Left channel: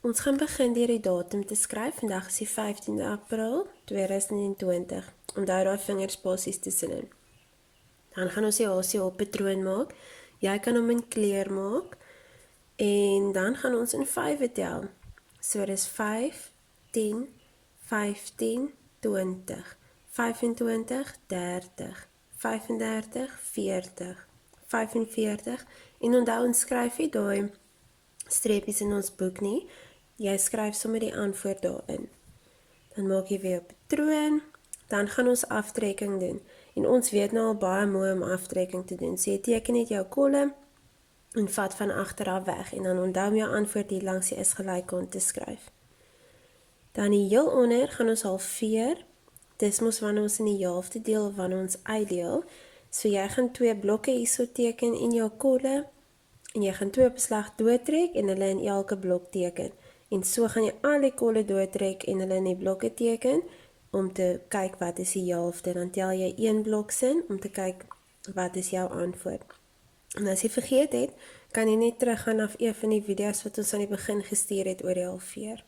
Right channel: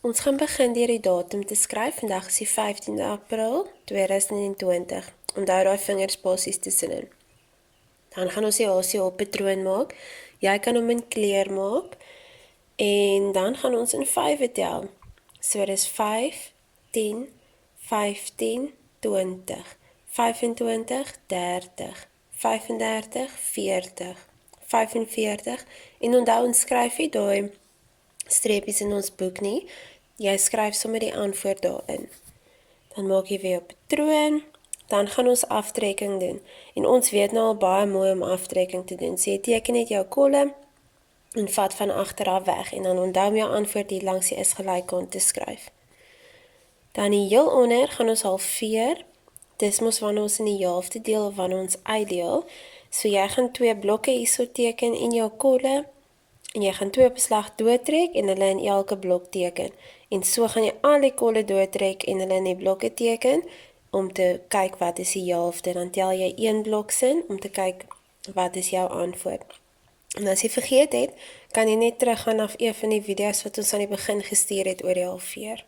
Ons gaan begin deur die datum te skryf. Vandag is die 15de April 2020. Onthou daai vingerspasies tussenin. Dan gaan ons die HCH patroon maak. Jy kan hom in kleur maak. En dan gaan ons in 5 tel. So dis 5, 10, 15, 20, 25, 30, 35, 40, 45. En onthou ons skryf nie daai streepies in ons boek nie. Jy skryf sommer die antwoord daarin. Dan maak jy weer 'n patroon. Dan gaan ons aftrekking doen. En ons weet nou al baie mooi om aftrekking te doen. So jy teken net jou kolle en vat van agteraf weg. En dan onthou om jou antwoord hier langs die is gelykant te skryf. Dan hier heel onder gaan ons halveer. Dis mos wanneer ons in die helfte deel of wanneer ons uitdeel. So jy gaan 2 blokke hierso teken in jou kolle. En jy gaan 2 op 'n slag doodtrek en hulle in elke blok teken. En so gaan jy al die kolle doodtrek en hulle in die blokke teken om te kyk wat is die helfte. Dan tel jy 1 blok sin om te kyk wat is jou antwoord. En as jy vergeet het, kan jy net teruggaan na een van die video's wat ons aan die begin gestuur het oor die halveer.